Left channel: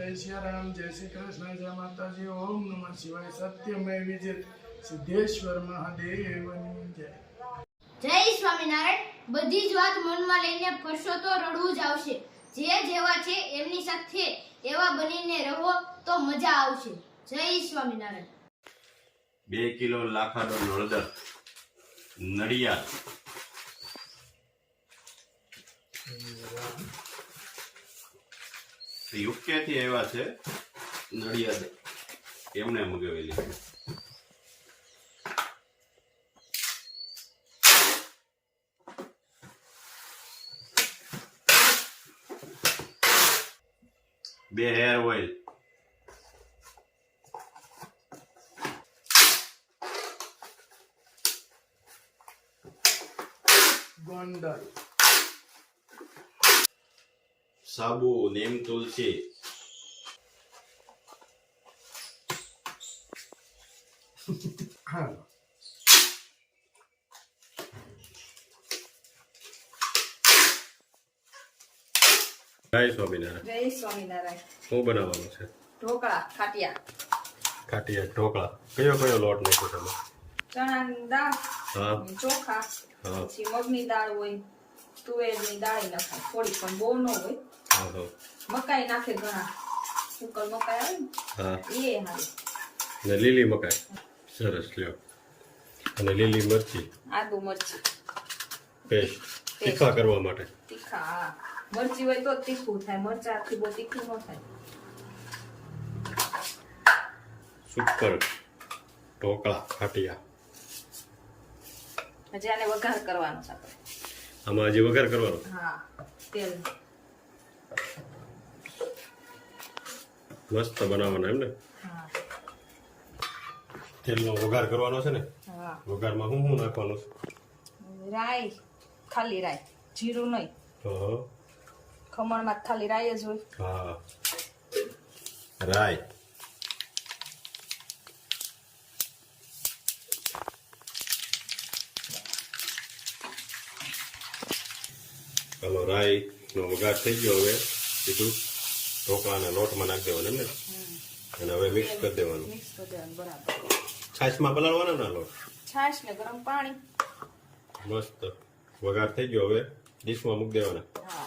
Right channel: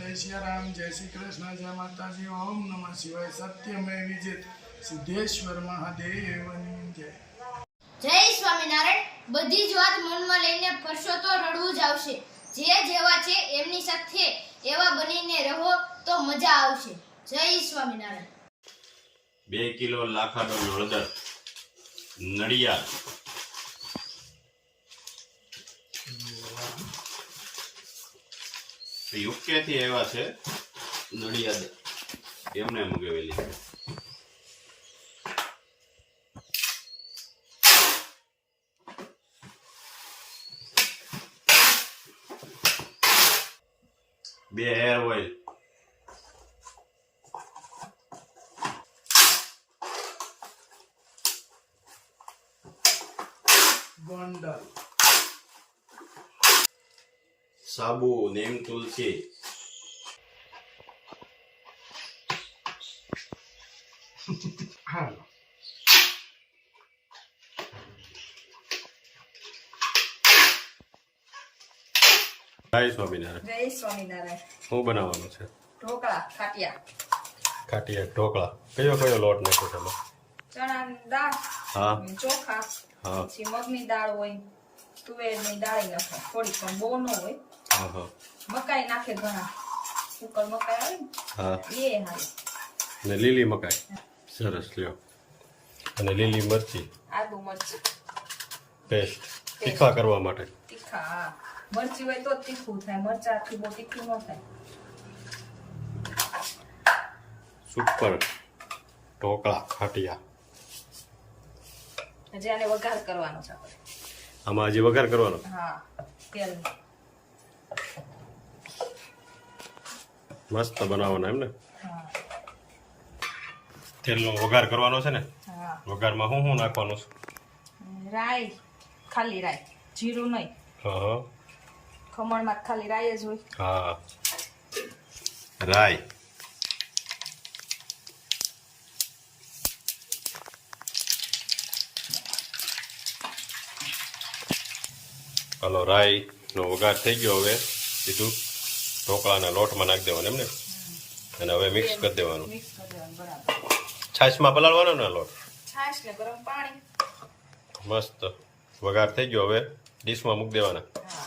जय सियाराम, जय श्री कृष्ण, जय माताजी, ओम नमः शिवाय, सत्यमेव विजित, सिद्धेश्वर महादेवની જય। જય સ્વામિનારાયણ। બધી જ વાત મનમાં લઈને ફરશો તો રડવું જ આવશે। જે જેવા છે એમની સાથે એવા બનીને રહો તો મજા આવશે। જય સ્વામિનારાયણ। 2 કિલો લાખાડો હળદર, નડિયાદ, યુકેથી આવ્યા છે નડિયાદ, એમને મગાવેલી છે। બે હેર ઓઇલ, ગોંડલ, સાબુ, નીમ તુલસી, હાલો જય સ્વામિનારાયણ। જય સ્વામિનારાયણ। શું બનાવવાનું છે? ઢોકળા, ખાટિયા, ખાટિયા ઢોકળા। કયો કયો લોટ નાખો તમે? ચણાની દાળ, હા ચોખા, હા પછી મગની દાળ હોય, તુવેરની દાળ નખાય થોડી, પણ બહુ ન હોય। હા હા મકાઈ નાખે ઘણા, સુકલ મકાઈ આવે હા, ને એ હાલે, ને લીલી મકાઈ, સરસ લ્યો, અને લીલી મરચી આદુ મરચી પેસ્ટ તીખા કરવા માટે। તીખા, હા મરચી હોય તો જ તીખું થાય, મરચાથી બહુ તીખું ન થાય। સુપર ઢોકળા ખાટિયા। હજી આને વઘાર કરવાનો છે આપણે। આમાં હજી વઘાર કરવાનો? હા, તેલ મસ્ત બનાવવાના એમ ને? હા તેલનો વઘાર કરવાનો છે ને? હા, વઘારમાં શું શું નાખવાનું છે? રાઈ, ખાલી રાઈ, જીરું નહીં, હા ખમણમાં ખાલી રાઈ જ હોય। હા, રાઈ, હાલો રાઈ નો વઘાર થઈ ગયો। હવે સીધું ઢોકળાના લોટમાં નાખી દેવાનું એમ ને? અને હવે મિક્સ કરી દેવાનું। મિક્સ કરી દેવાનું બરાબર। છાશમાં પલાળવાનો ને લોટ? છાશ ને ગરમ પાણી। મસ્ત વઘાર થઈ ગયો। હવે ડીશમાં મૂકી દેવાના। હા,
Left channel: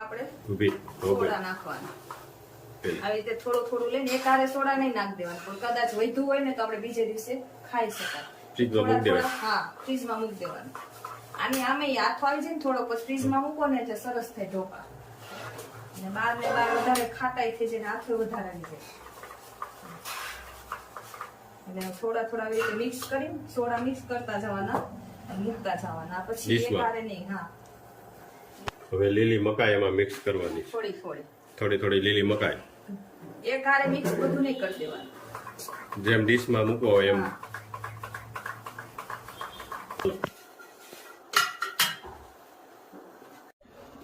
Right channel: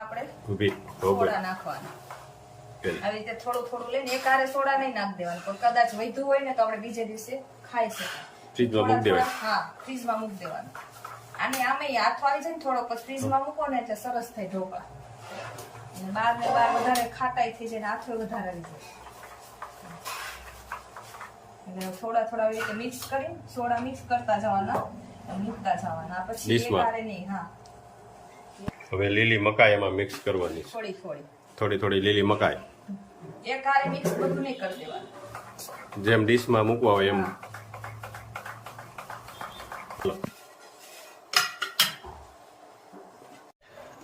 આપણે ઊભી ઢોકળી સોડા નાખવાના તેલ। આવી રીતે થોડું થોડું લઈને એકારે સોડા નહીં નાખ દેવાનું, પણ કદાચ વધ્યું હોય ને તો આપણે બીજે દિવસે ખાઈ શકાય। ફ્રીજમાં મૂકી દેવાનું? હા, ફ્રીજમાં મૂકી દેવાનું। આને આમે હાથ વાળી છે ને થોડોક, પછી ફ્રીજમાં મૂકો ને એટલે સરસ થાય ઢોકળા। અને બાર ને બાર વધારે ખાટાઈ થઈ જાય, હાથે વધારે આવી જાય। એટલે થોડા થોડા આવી રીતે મિક્સ કરીને સોડા મિક્સ કરતા જવાના અને મૂકતા જવાના, પછી ડીશમાં? એકારે નહીં। હા, હવે લીલી મકાઈ એમાં મિક્સ કરવાની છે। થોડી થોડી થોડી થોડી લીલી મકાઈ, એકારે મિક્સ બધું નહીં કરી દેવાનું। જેમ ડીશમાં મૂકવા હોય એમ।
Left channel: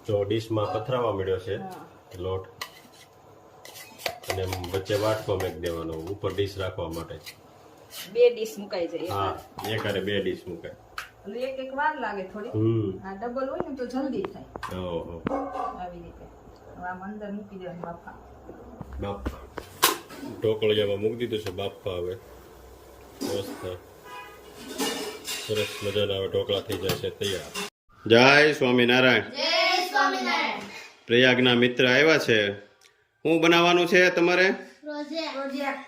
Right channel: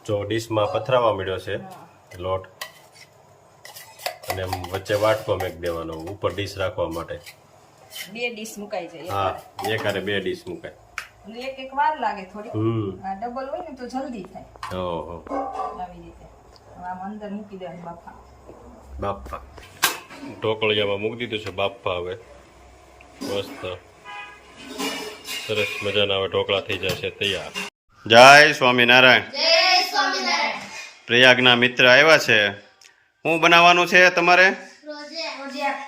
જો ડીશમાં પથરાવા મળ્યો છે લોટ, અને વચ્ચે વાટકો મેક દેવાનો ઉપર ડીશ રાખવા માટે। 2 ડીશ મુકાઈ જાય હા, એકારે। એકારે 2 ડીશ મુકાય। અને એક વાર લાગે થોડી, આ ડબલ હોય ને તો જલ્દી થાય। ઓહો, આવી રીતે આમ અંદર મૂકી દેવાનું બાફા। બાપા ઢોકળિયામાં મૂકી દીધું છે બાપા। હવે મસ્ત સરસ મજાના હવે ઢોકળા થઈ જશે તૈયાર। જય સ્વામિનારાયણ। જય સ્વામિનારાયણ। પ્રયાગના મિત્ર આવ્યા છે। શું બનાવવાનું છે તમારે? પ્રોજેક્ટ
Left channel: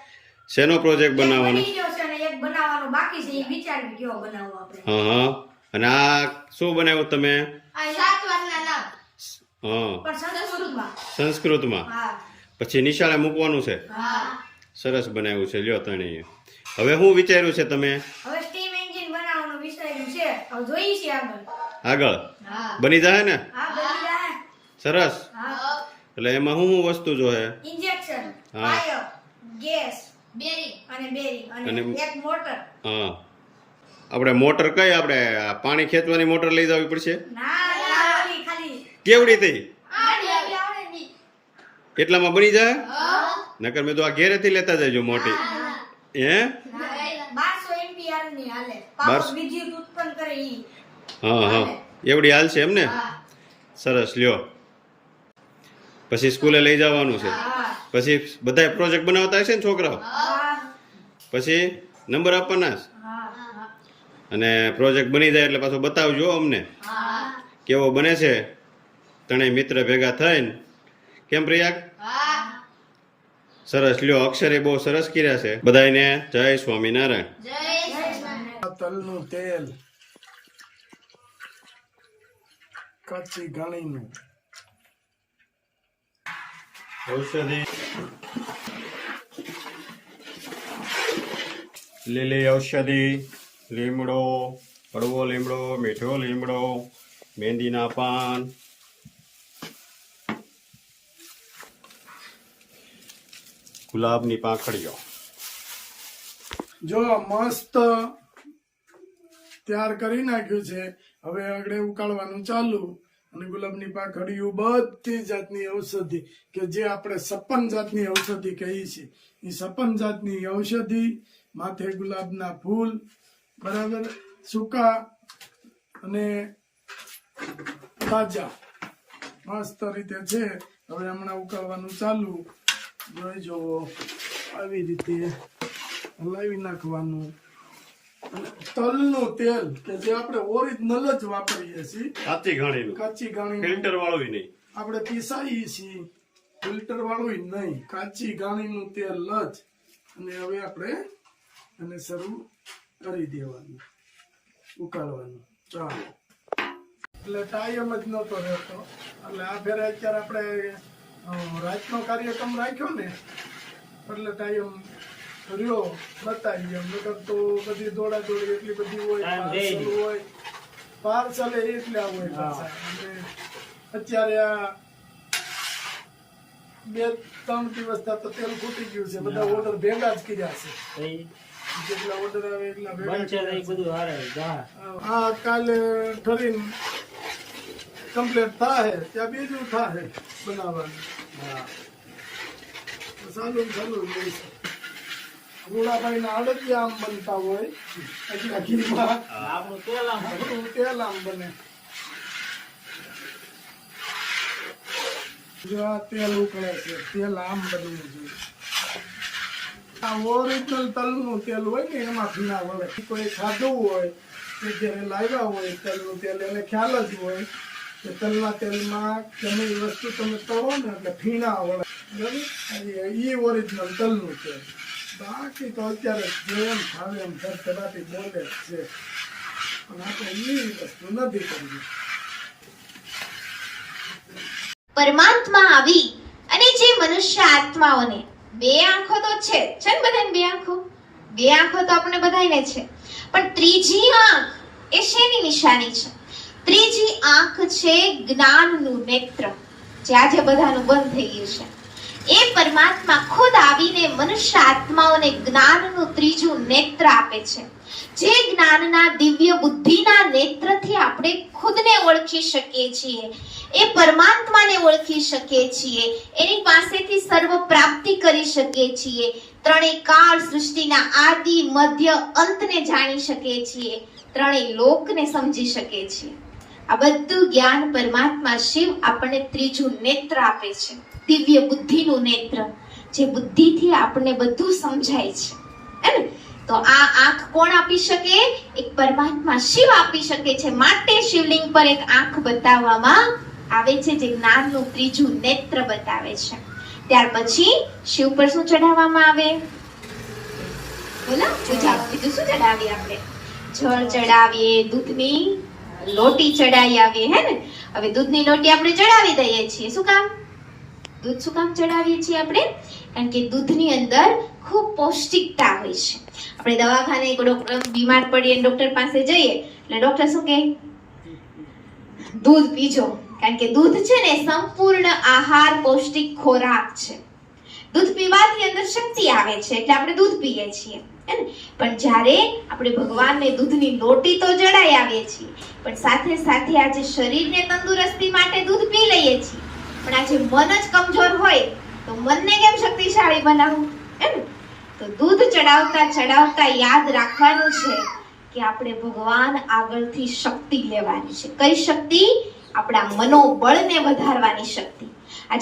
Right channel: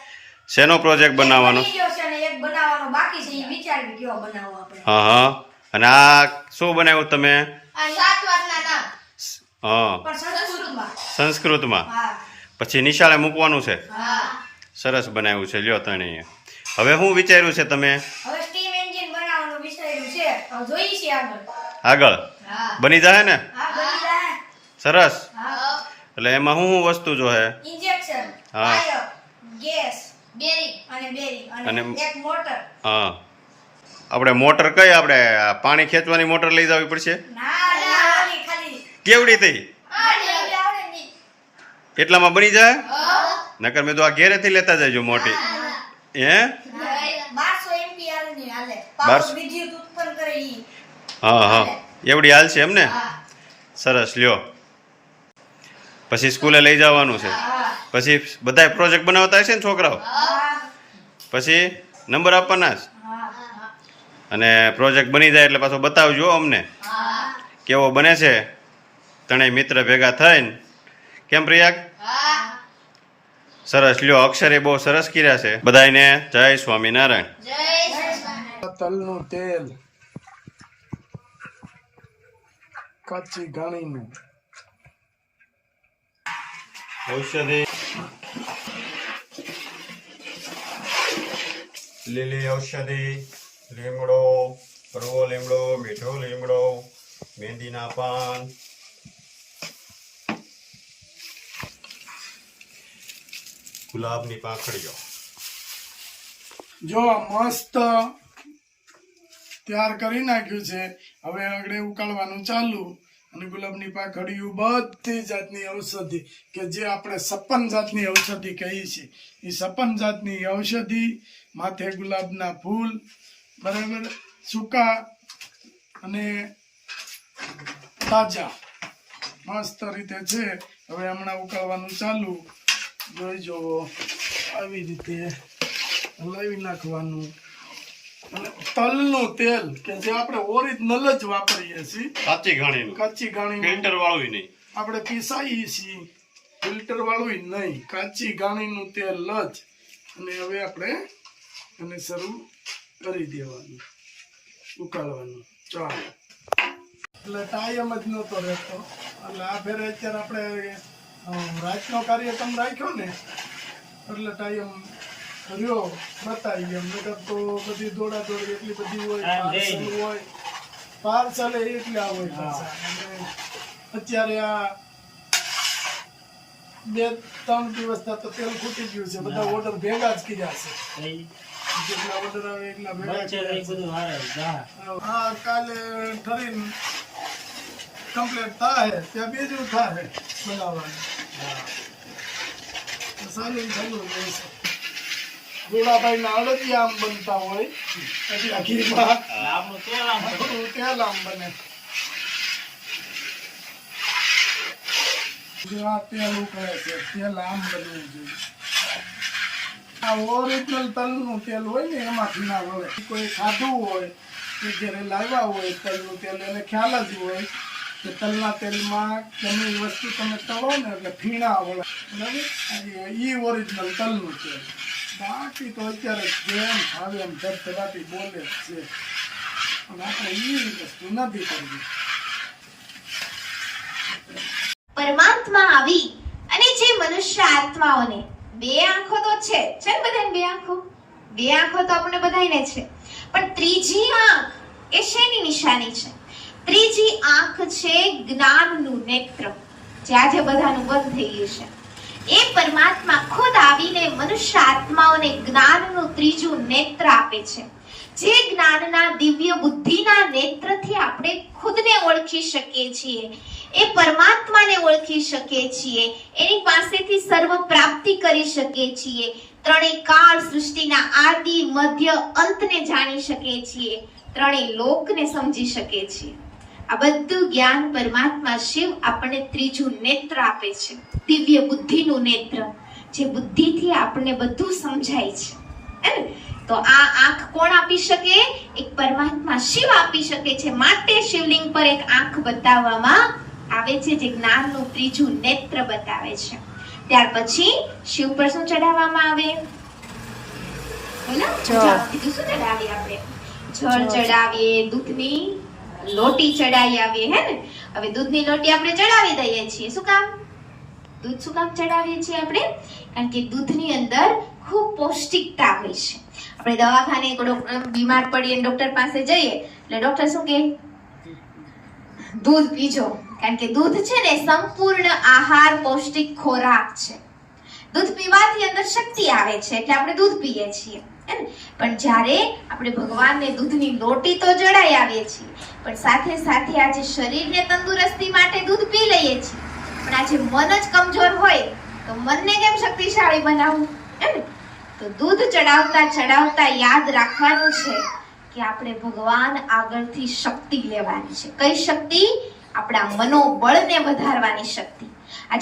શેનો પ્રોજેક્ટ બનાવવાનો? એક બનાવવાનો બાકી છે, એ વિચારી કયો બનાવવો આપણે। હા હા, અને આ શું બનાવ્યું તમે? આ 7 વારના નામ હા, પણ સંસ્કૃતમાં। સંસ્કૃતમાં? હા પછી નિશાળે મૂકવાનું છે? હા। સરસ બનાવ્યું છે લ્યો તણીએ। હવે શું વિચાર્યું છે તમે? હવે સ્ટીમ એન્જિન બનાવવાનું વિચાર્યું છે, હવે જોઈએ છીએ આગળ। આગળ હા બની જાય ને? હા, બની જાય। સરસ। હા, એટલે એમાં શું શું વસ્તુ જોહે? ઇન્જેક્શન, હા. ફાયર, ગેસ, બેરિંગ અને એક મોટર। હા, આપણે મોટર કઈ? આપણે પાણી ખેંચવાની મોટર લઈ જવી પડશે? ના ઓલી ખાલી કેવડી થઈ? આવડે નહીં। એટલામાં બની જાય? હા નકર મેં તો આ ઘેરેથી લેતા જજો મોટી। હે? 1200 એમ્પિયર ની હાલે, 1200 પાવર વિદ્યુત ઉત્પન્ન કરે ઈ। હા હા, એવડી હાલ છે એમ ને? હા, સરસ લ્યો। પછી સ્કૂલે લઈ જવાનું છે, પછી બધા પ્રોજેક્ટ બનાવતા હશે ને છોકરાઓ, પછી નંબર આપવાના છે. અને પ્રોજેક્ટ બની જાય એટલે પાછો બતાવજો અમને કેવો બને છે. ત્રણેય મિત્ર ભેગા થઈને, કેમ પ્રિયાગ? સરસ લ્યો, અક્ષરે બહુ સરસ કર્યા છે. બધાને જય સ્વામિનારાયણ. તલનું તેલ, કાચી ઘાણીનું ઔષધિ, લીલી ઔષધિ, લીમડો, હળવો લીમડો, મીઠો લીમડો, મહેંદીના પાન, ગુલાબની પાંખડીઓ. જો મસ્ત તૈયાર કરી નાખ્યું છે. હવે આગળ ઉકાળવાનું ચાલુ. અને ગુલાબની પાંખડીયું બધી જાતની ઔષધિ કે જે આપણે 56 જાતની ઔષધિ કહીએ છીએ, એ 56 જાતની ઔષધિ, માથે ગુલાબના ફૂલ, બરાબર, સૂકા અને તાજા મસ્ત રીતે છે. હવે હમણાં ઉકાળવાનું ચાલુ. જોઈ જુઓ, આવી રીતે હલાવી નાખવાનું. અને તલનું તેલ કે જે આપણે ઓરિજિનલ જ વાપરીએ છીએ, કાચી ઘાણીનું, કાચી ઘાણી, ફિલ્ટર વાળું નહીં. આપણે પીસાઈએ છીએ, ફિલ્ટર વાળું નહીં, કાચી ઘાણીનું તેલ જ. અને હવે આપણે એને શરૂ કરી દેવાનું, ઉકાળવાનું. ચાલો, એટલે ટાઈમ જ નહોતો રહેતો. એટલે આ ફેરે અત્યારે આપણે રાતનો કાર્યક્રમ રાખ્યો ને, એટલે ટાઈમ રહ્યો બતાવી એમ. નકર તો બધી દોડા દોડી એટલી બધી હોય, પાર્સલ એટલા હોય પાછા. અને અત્યારે આ 2-3 દિવસ તો તેલ ફૂટી ગયું છે. બધા ઓર્ડર ભેગા જ કર્યા છે. જેટલા ઓર્ડર આવે એટલા ભેગા. હા, કાલે ઠરીને કમ્પ્લીટ થાય ત્યાં બીજું થાય બનાવવાનું. ચાલુ રહેશે. જોડાભાઈ ના અડદિયા આમ બનતા હોય, હજી આખીમાં આપણું તેલ આમ બને. જો આ તેલ ઉકળે છે, તેલ આમ બનવું જોઈએ. આ ઓરિજિનલ તલનું તેલ હોય ને એમાંથી ના વળે. કોઈ ખાધું હોય કે ઘરે લાવ્યા હોય તલનું તેલ, એને ખ્યાલ જ હોય કે તલના તેલમાં ગમે એ વસ્તુ તમે તળો ને એટલે ફીણા વળે, બરાબર. એ ઓરિજિનલ તલનું તેલ. બાકી તો અત્યારે જેમ ભાવે એમ ધબધબાટી બોલે છે, પણ આપણે એ વસ્તુ નથી કરવી. પરમાત્મા આવી અને જે મનુષ્ય આત્માઓને 2 આંખો તો છે ને બધાને 2 આંખો, 2 આંખો તો આપણે બધાને છે, પણ ત્રીજી આંખ એ શેની નિશાની છે? ત્રીજી આંખ છે જ્ઞાનનું નેત્ર, જે આજે બધાનું બંધ થઈ ગયું છે. એ પરમાત્મા ખુદ આવીને મનુષ્ય આત્માઓને જ્ઞાનનું ત્રીજું નેત્ર આપે છે. જે જ્ઞાનના દિવ્ય બુદ્ધિના નેત્રથી આપણે ખુદને ઓળખી શકીએ છીએ, એ પરમાત્માને ઓળખી શકીએ છીએ, એની પાસેથી સર્વ પ્રાપ્તિ કરી શકીએ છીએ, ત્રણેય કાળ સૃષ્ટિના આદિ મધ્ય અંતને જાણી શકીએ છીએ, ત્રણેય લોકને સમજી શકીએ છીએ. આ બધું જ્ઞાન પરમાત્મા શિવ આપણને ત્રીજું નેત્ર આપે છે, દિવ્ય બુદ્ધિનું નેત્ર, જે બુદ્ધિથી આપણને બધું સમજાય છે. તો આ આંખ કોણ આપી શકે? એક પરમાત્મા શિવ આપી શકે છે. માટે શિવલિંગ પર એક આંખ બતાવવામાં આવે છે, જે જ્ઞાનનું ત્રીજું નેત્ર બતાવે છે. ત્યાર પછી શિવ પર શું ચડાવવામાં આવે? બીજું શું ચડાવીએ આપણે? જળ ચડાવીએ, દૂધની લોટી ચડાવી આવીએ, હે ને? હવે દૂધની લોટી આપણે ચડાવી દઈએ છીએ. શું કામ? દૂધ શું કામ ચડાવીએ છીએ આપણે? કારણ કે દૂધની અંદર ખૂબ પૌષ્ટિકતા હોય છે. આપણે દવાખાને બીમાર પડીએ, ડોક્ટર પાસે જઈએ એટલે ડોક્ટર શું કહે? દૂધ પીજો. કારણ કે દૂધ છે ને સંપૂર્ણ આહાર, પૌષ્ટિક ખોરાક છે. દૂધ પીવાથી અંદર શક્તિ આવે છે એટલે આપણે દૂધ પીએ છીએ, હે ને? પણ જ્યારે આપણે ભગવાનને દૂધની લોટી તો ચડાવી આવીએ છીએ, પણ સાથે સાથે આજે શરીરને તંદુરસ્તી માટે દૂધ પી લઈએ છીએ. પણ આજે મન જ કમજોર હોય તો મનને કેમ શક્તિશાળી બનાવવું, હે ને? તો દૂધ ચડાવતા ચડાવતા યાદ રાખવાનું છે કે આપણે ભગવાન આગળથી શક્તિ લેવાની છે. કઈ શક્તિ? આપણા મનોબળને વધારવાની શક્તિ.